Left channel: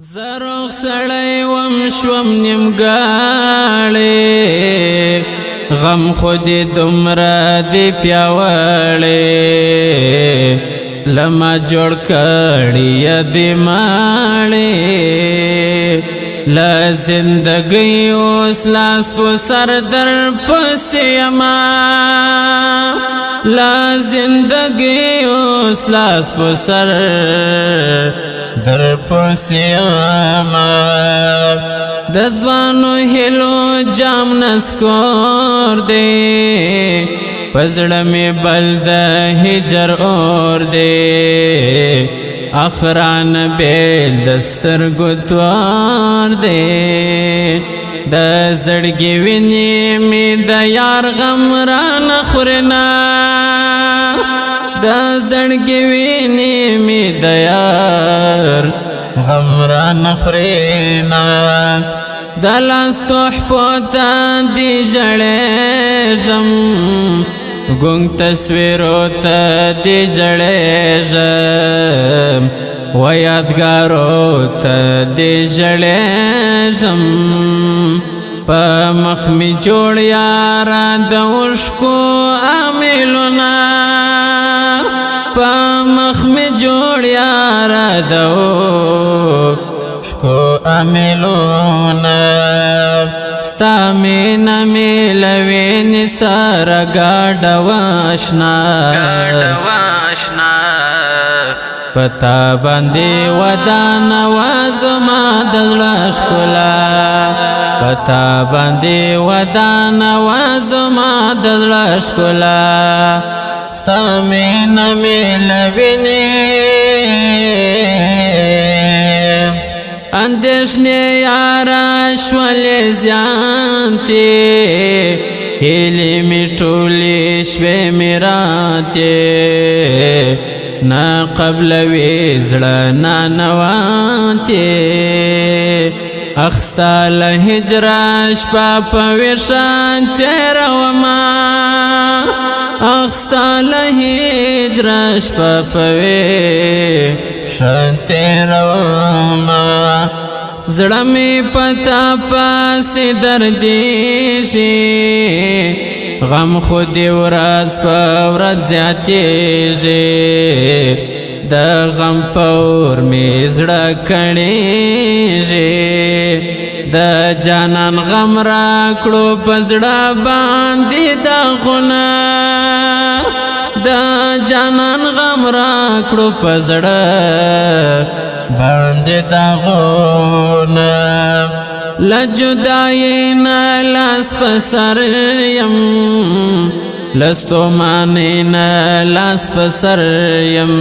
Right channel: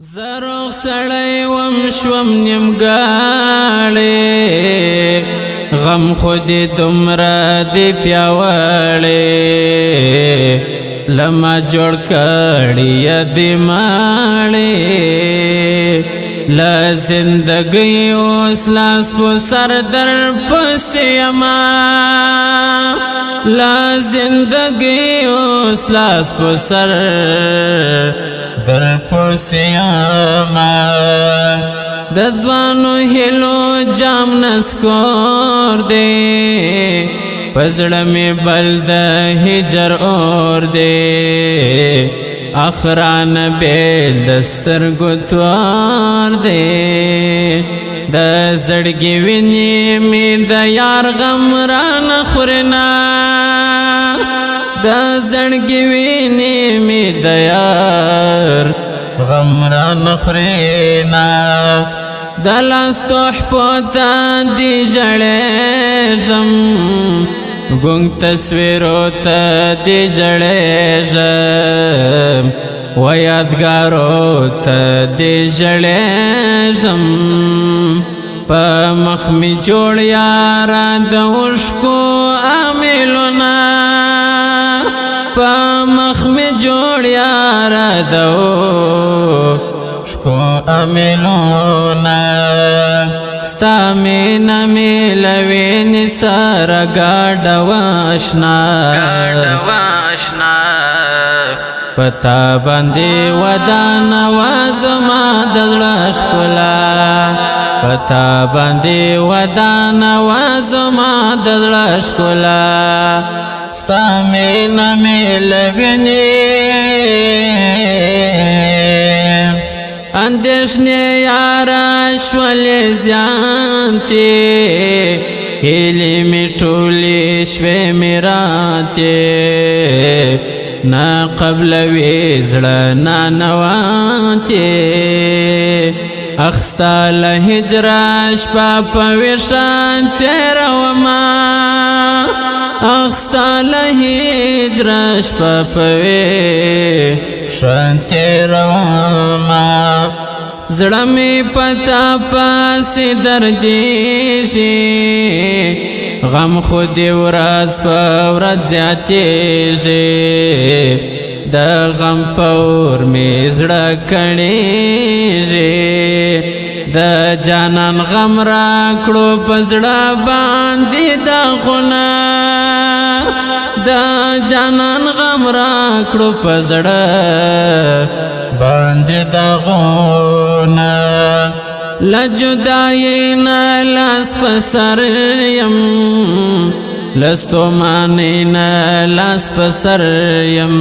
زروخ سړی وم شوم نیمګاړی غم خود دومره دی پیاوړی لما جوړ کړی دی ماړی لا زندګي اوس لاس و سر در پسې ما لا زندګي اوس لاس و سر در پسې ما د ځوانو هیلو جام نسکور دی پزړه می بل د هجر اور دی اخران به دستر ګتور دی د زړګي ویني می د یار غم را نخورنا د زړګي ویني می د یار غم را نخورنا د لاس تحفو ته دی ژړېږم ګونګ تصویرو ته دی ژړېږم و یادګارو ته دی ژړېږم په مخ می جوړ یار د اوښکو امیلونه په مخ می جوړ یار د اوښکو امیلونه ستا مینا میلوي سره ګاډه واشنا پتا باندې ودان وازما د ښکلا پتا باندې ودان وازما د ښکلا ستا مینا میلوي اندیشنی یاران شولی زیانتی هیلی می ټولی شوی میراتی نا قبل ویزړه نا نواتی اخستا لهجر شپا پویشان تیروما اخستا لهجر شپا پویشان تیروما زړه می پتا پاسې دردی شي غم خود ورځ په ورځ زیاتېږي د غم په اور می زړه کړېږي د جانان غم راکړو په زړه باندې داغونه د جانان غم راکړو په زړه باندې داغونه لجدائی نا لاس پسر یم لستو مانی نا لاس پسر یم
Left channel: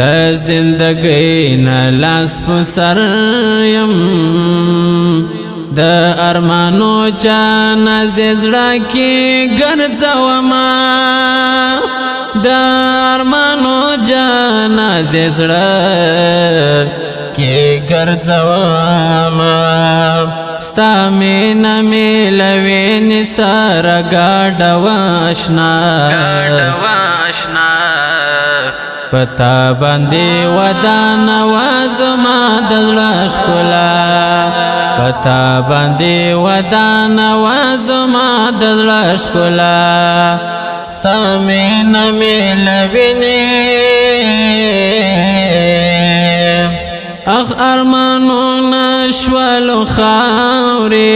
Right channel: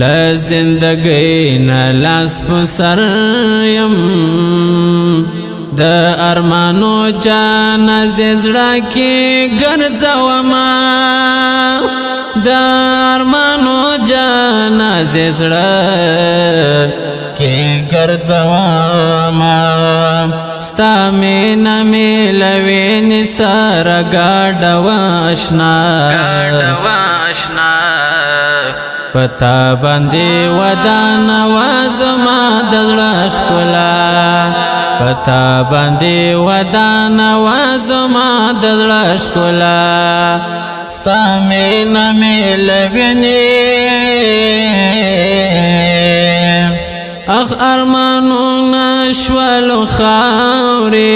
لزندگی نا لاس پسر یم د ارمانو جانا زیزڑا کی گرزوما د ارمانو جانا زیزڑا کی گرزواما ستا مینا میلوی نسار گاڑا واشنا پتا باندی ودان وازما دل ښکلا پتا باندی ودان وازما دل ښکلا ستا مینا میلوی اخ ارمانو نشوالو خاوری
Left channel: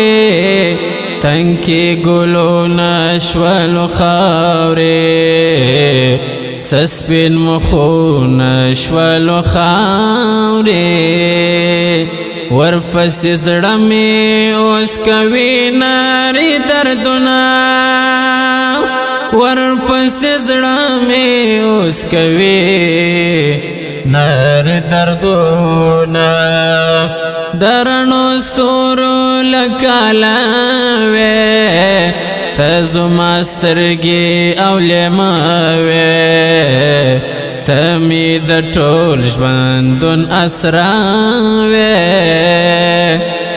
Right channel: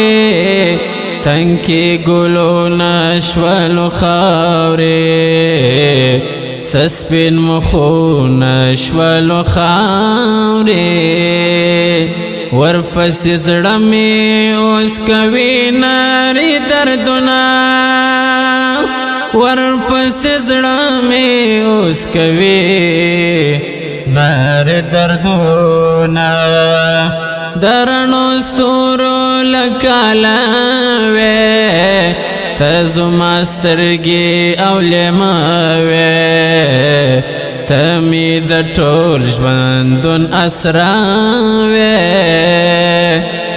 تنکی گلو نشوالو خاوری سسپین مخو نشوالو خاوری ورفس زڑمی اوس کوي ناری دردنا ورفس زڑمی اوس کوي نار دردونا درنو ستورو لکالاوی تزما سترگی اولیماوی تمی د ټول ژوندون اسراوی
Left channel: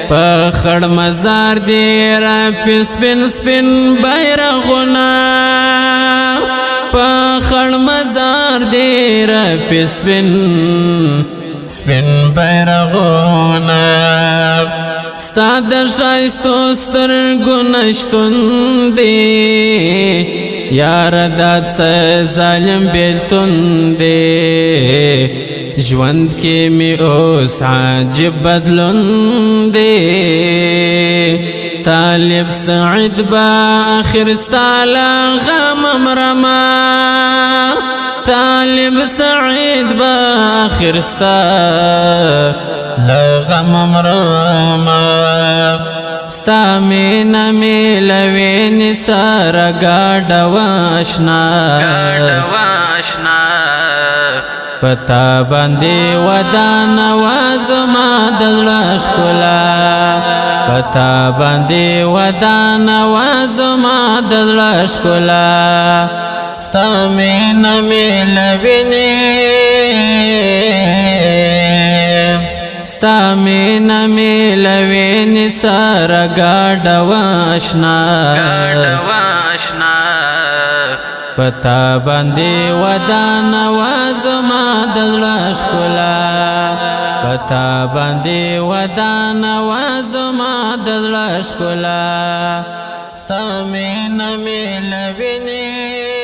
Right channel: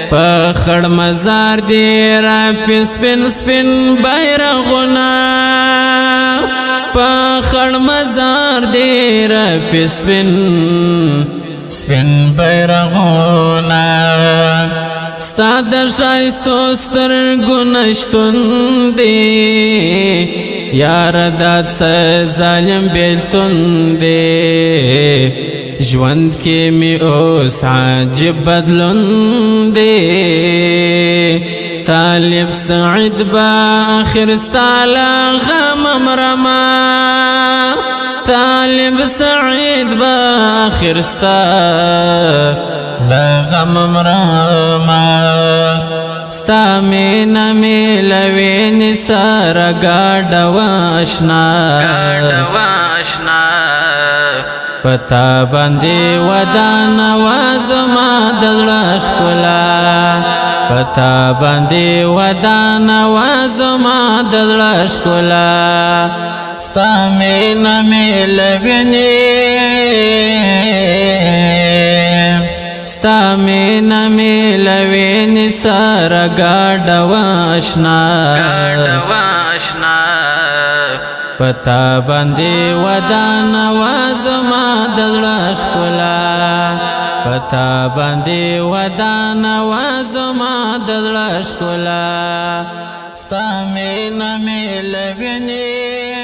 په خړ مزار دی را سپین سپین بیرغونه په خړ مزار دی را سپین سپین بیرغونه ستا د ښایستو سترګو نشتون دی یاره دا څه ظالم بېلتون دی ژوند کې مې اوس عجیب بدلون دی طالب سعید به آخر ستا له غمه مرمه طالب سعید به آخر ستا له غمه مرمه ستا مینه مې له وینې سره ګاډه واشنا پتا باندې ودانه وا زما د زړه ښکلا پتا باندې ودانه وا زما د زړه ښکلا ستا مینه مې له وینې ستا مینه مې له وینې سره ګاډه واشنا پتا باندې ودانه وا زما د زړه ښکلا پتا باندې ودانه وا زما د زړه ښکلا ستا مینه مې له وینې